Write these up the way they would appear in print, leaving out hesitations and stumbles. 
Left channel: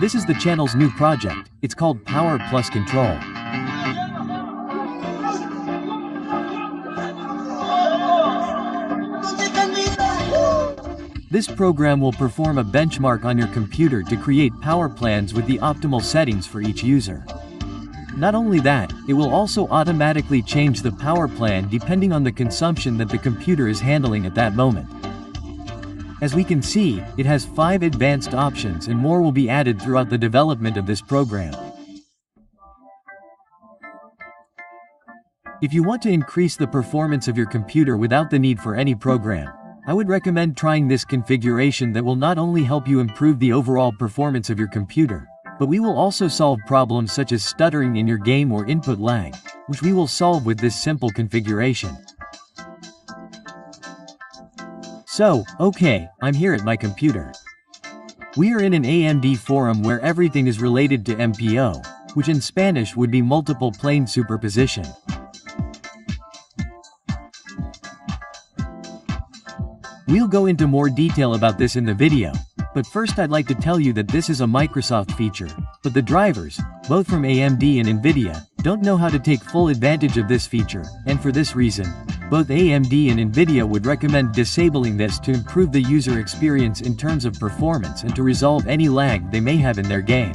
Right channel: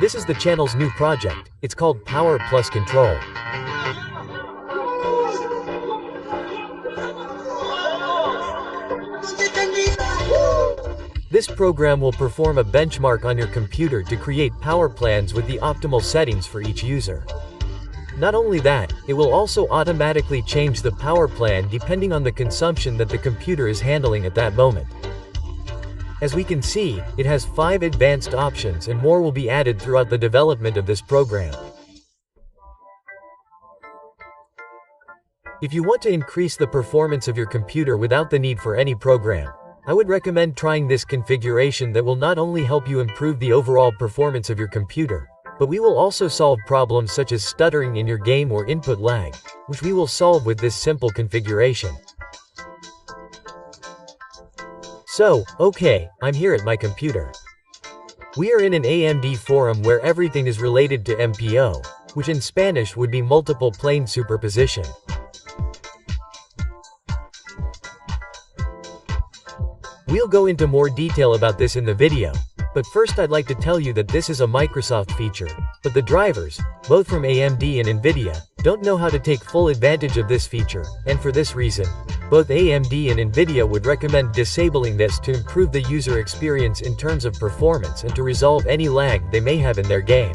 This is the channel's new project. It's called Power Plus Control. This program will perform a benchmark on your computer to create power plans with the optimal settings for each user. Not only that, it will also automatically change the power plan depending on the consumption that the computer is handling at that moment. As we can see, it has 5 advanced options and more will be added throughout the development of this program. If you want to increase the performance of your computer without the need for any program, I would recommend trying this configuration that will not only help you improve the overall performance of your computer, but we will also solve problems such as stuttering in your game or input lag, which we will solve with this simple configuration. So, okay, I'm here at my computer. We are in an AMD forum where everything is related to MPO, which in Spanish would be multiple plane superposition. We'll go into more detail about this in the video, but first I'd like to tell you that this is a Microsoft feature, but the drivers, both from AMD and NVIDIA, don't know how to take full advantage of this feature, and for this reason, both AMD and NVIDIA would recommend disabling this to improve the user experience in terms of performance and to resolve any lag they may have in their game.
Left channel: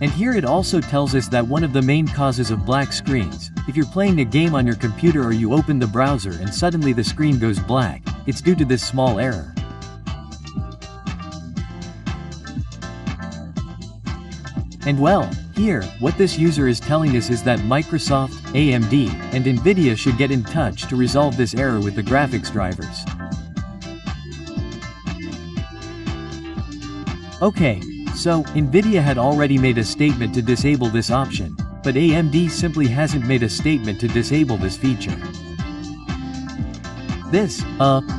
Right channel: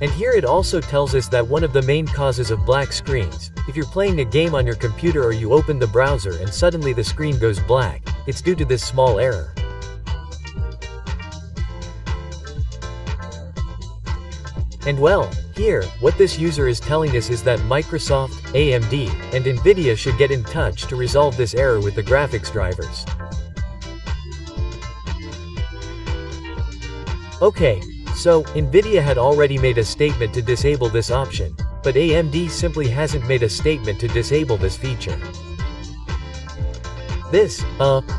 And here it also tells us that one of the main causes of black screens, if you're playing a game on your computer or you open the browser and suddenly the screen goes black, it's due to this small error. And well, here, what this user is telling us is that Microsoft, AMD, and NVIDIA should get in touch to resolve this error with the graphics drivers. Okay, so, NVIDIA had already made a statement to disable this option, but AMD simply hasn't made a statement to disable this feature.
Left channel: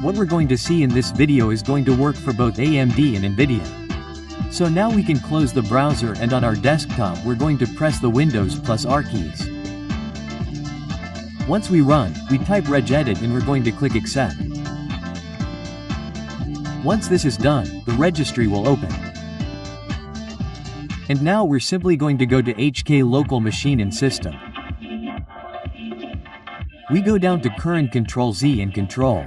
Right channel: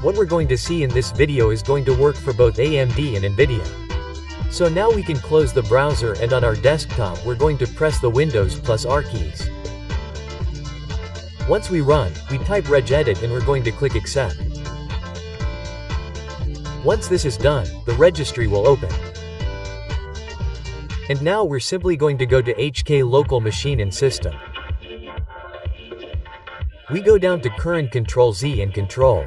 What we're going to see in this video is going to work for both AMD and NVIDIA. So now we can close the browser and on our desktop we're going to press the Windows plus R keys. Once we run, we type regedit and we're going to click accept. Once this is done, the registry will open. And now we're simply going to go to HK local machine and system. We go down to current Ctrl-Z and Control.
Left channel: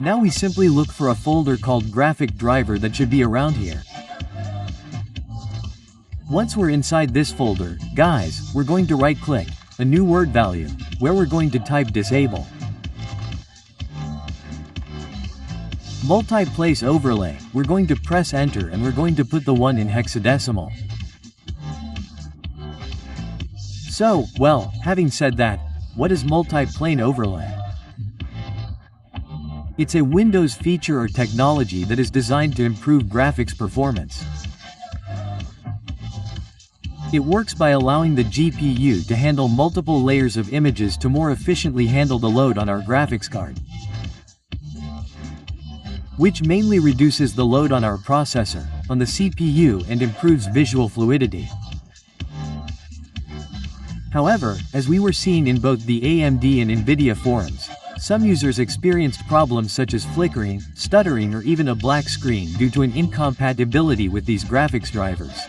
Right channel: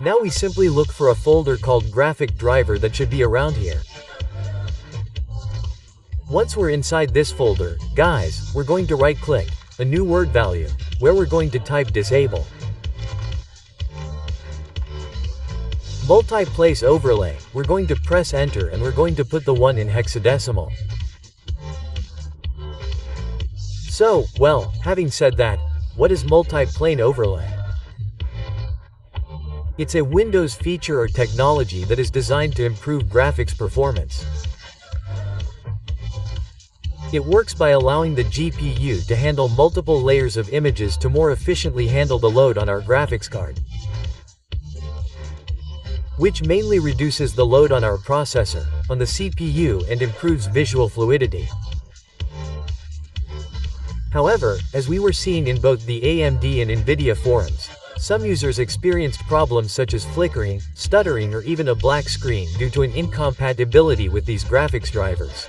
Now we simply look for a folder called graphic driver that should be around here. Once we're inside this folder, guys, we're going to right click, a new word value, where we're going to type disable. Multi-place overlay, we're going to press enter and we're going to put the 1 in hexadecimal. So, well, having said that, what is multi-plane overlay? It's a Windows feature or technology that is designed to improve graphics performance. It works by allowing the GPU to handle multiple layers of images to more efficiently handle the load on our graphics card, which mainly reduces the load on our processor, on the CPU and improves visual fluidity. However, as we were seeing in both the AMD and NVIDIA forums, some users experienced problems such as flickering, stuttering or even a black screen due to an incompatibility with these graphics drivers.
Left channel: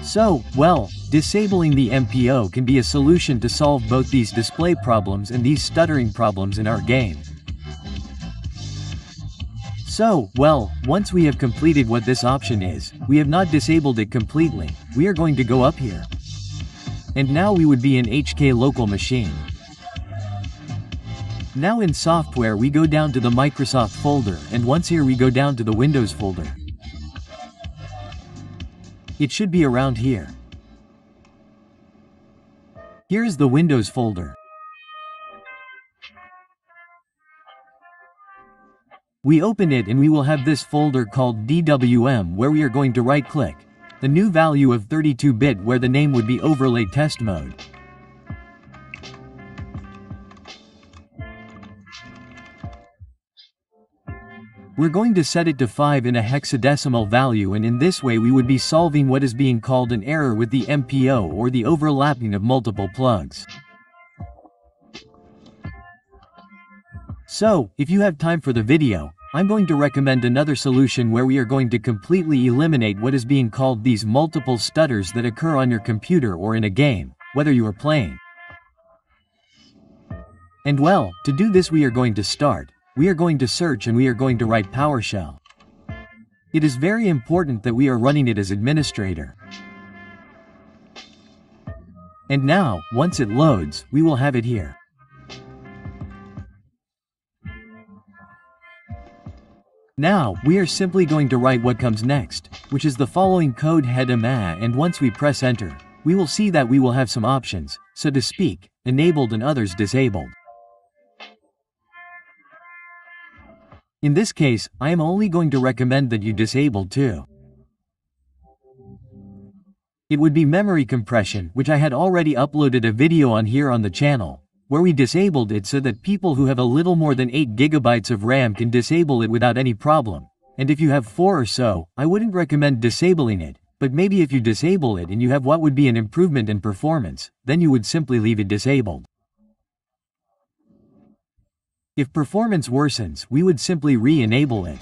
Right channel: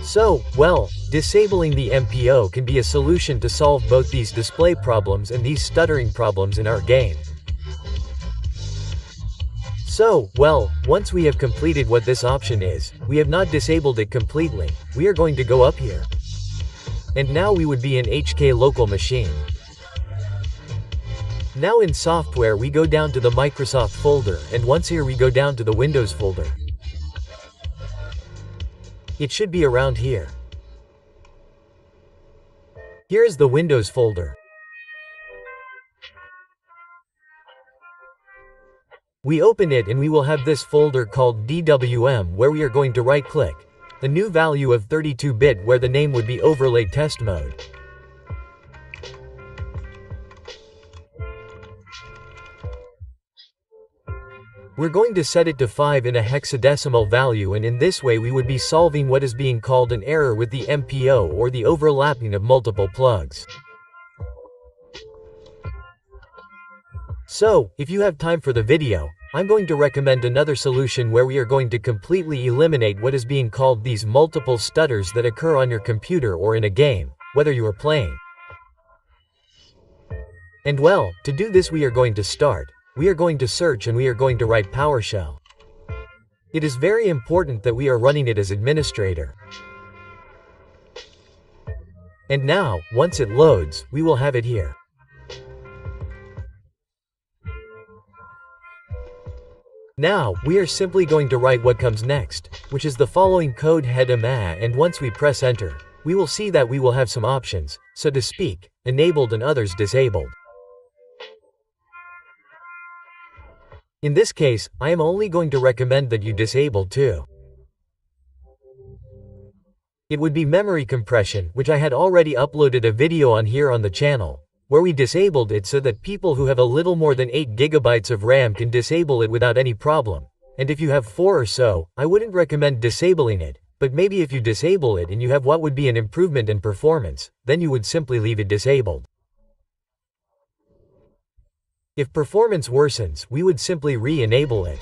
So, well, disabling the MPO can be a solution to solve both these display problems and these stuttering problems in our game. So, well, once we have completed what this option is, we have not disabled it completely, we are going to go up here. And now we would be in HK local machine. Now in software we go down to the Microsoft folder and once here we go down to the Windows folder. It should be around here. Here is the Windows folder. We open it and we will have this folder called DWM where we are going to right-click, a new value of 32-bit where the name would be Overlay Test Mode. We're going to set it to 5 in a hexadecimal value and in this way we would be solving what is being called an error with the MPO or the overlapping of multiple plugs. So, if you have time for the video, I'm going to recommend another solution where we are going to completely eliminate what is being called these multiple stutters that occur on your computer or in a game, whether you are playing. And well, to do this we are going to search and we are going to write PowerShell. It is very important that we are running it as administrator. And now, once it loads, we will have it here. Now, we are simply going to write what comes next, which is the following code head AUMENTA, and once we press enter, we will see that we will have some options, so to speak, enabled and others disabled. In this case, I am only going to recommend that you disable too. It would be memory compression, which I had already uploaded a video on here on the channel, where we disabled it so that people who have a little more than 8 GB of RAM can disable it without any problem. And if you have 4 or so, I wouldn't recommend disabling it, but maybe if you disable it and you have what would be an improvement in performance, then you would simply leave it disabled. If performance worsens, we would simply re-enable it.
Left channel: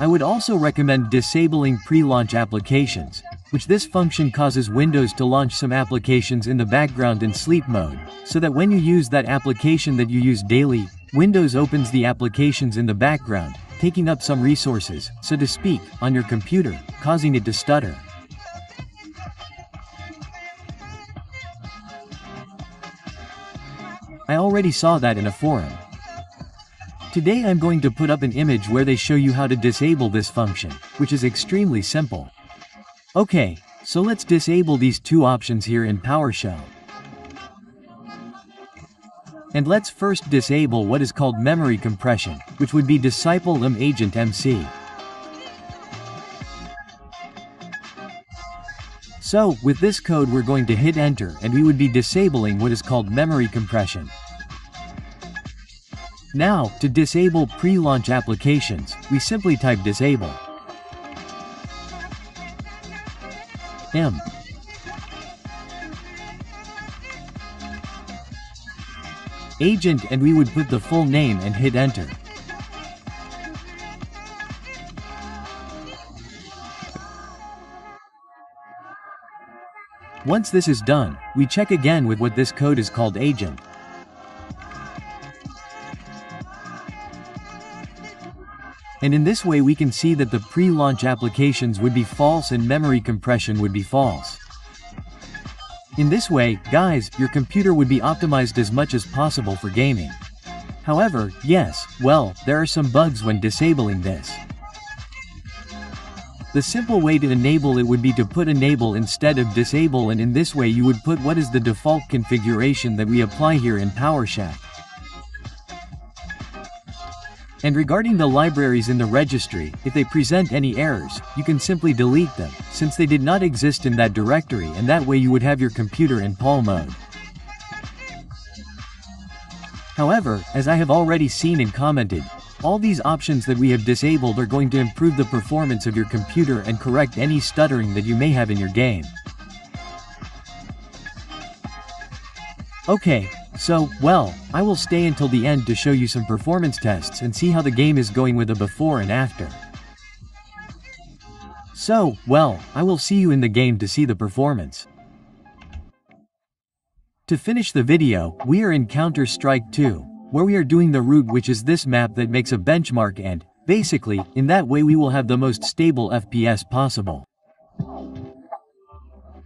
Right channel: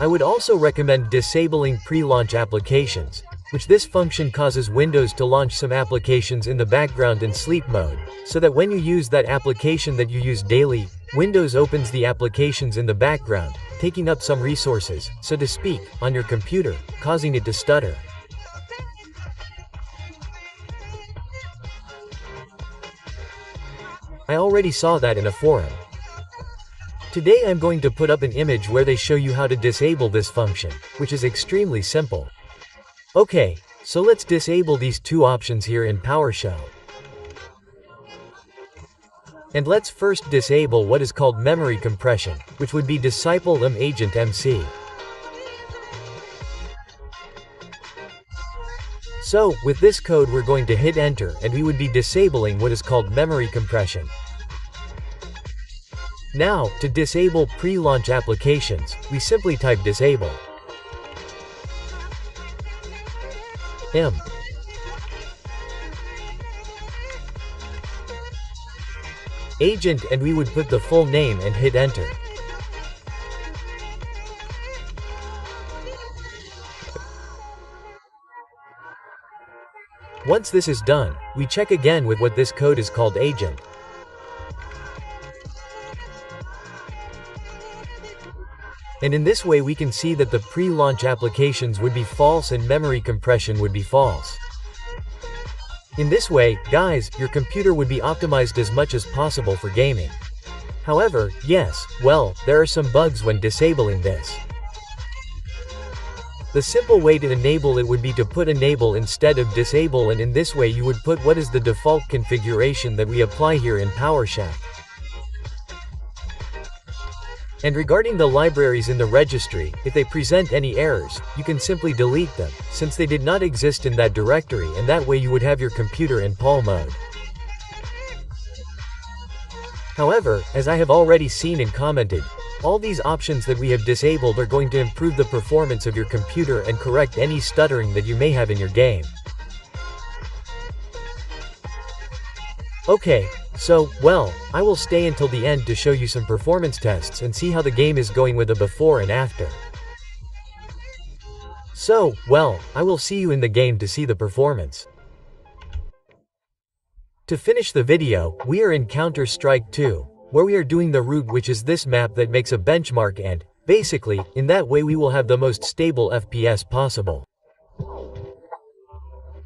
I would also recommend disabling pre-launch applications, which this function causes Windows to launch some applications in the background in sleep mode, so that when you use that application that you use daily, Windows opens the applications in the background, taking up some resources, so to speak, on your computer, causing it to stutter. I already saw that in a forum. Today I'm going to put up an image where they show you how to disable this function, which is extremely simple. Okay, so let's disable these two options here in PowerShell. And let's first disable what is called memory compression, which would be disable agent MC. So, with this code we're going to hit enter and we would be disabling what is called memory compression. Now, to disable pre-launch applications, we simply type disable. Agent, and we would put the full name and hit enter. Once this is done, we check again with what this code is called agent. And in this way we can see that the pre-launch applications would be false and memory compression would be false. In this way, guys, your computer would be optimized as much as possible for gaming. However, yes, well, there are some bugs when disabling this. The simple way to enable it would be to put enable instead of disable, and in this way you would put what is the default configuration that we apply here in PowerShell. And regarding the libraries in the registry, if they present any errors, you can simply delete them, since they did not exist in that directory, and that way you would have your computer in PAL mode. However, as I have already seen and commented, all these options that we have disabled are going to improve the performance of your computer and correct any stuttering that you may have in your game. Okay, so, well, I will stay until the end to show you some performance tests and see how the game is going with a before and after. So, well, I will see you in the game to see the performance. To finish the video, we are in Counter-Strike 2, where we are doing the route, which is this map that makes a benchmark, and, basically, in that way we will have the most stable FPS possible.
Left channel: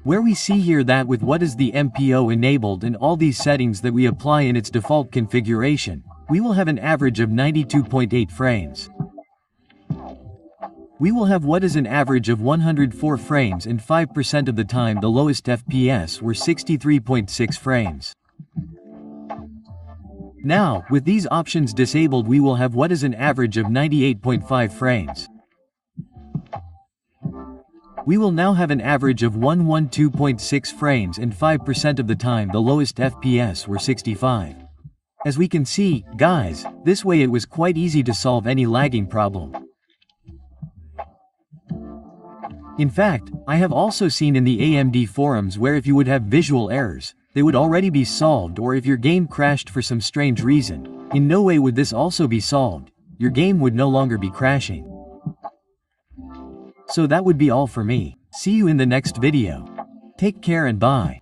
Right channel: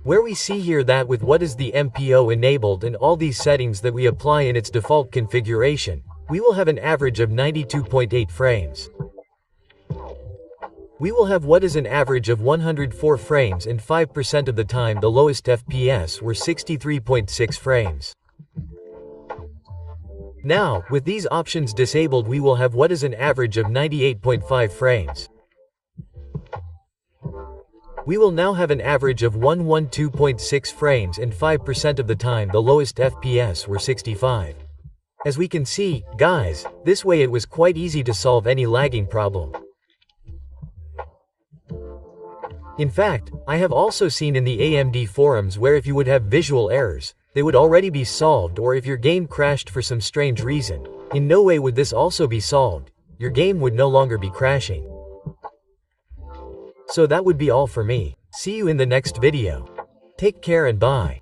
Where we see here that with what is the MPO enabled and all these settings that we apply in its default configuration, we will have an average of 92.8 frames. We will have what is an average of 104 frames, and 5% of the time the lowest FPS were 63.6 frames. Now, with these options disabled we will have what is an average of 98.5 frames. We will now have an average of 112.6 frames, and 5% of the time the lowest FPS were 65. As we can see, guys, this way it was quite easy to solve any lagging problem. In fact, I have also seen in the AMD forums where if you would have visual errors, they would already be solved, or if your game crashed for some strange reason, in no way would this also be solved. Your game would no longer be crashing. So that would be all for me. See you in the next video. Take care and bye.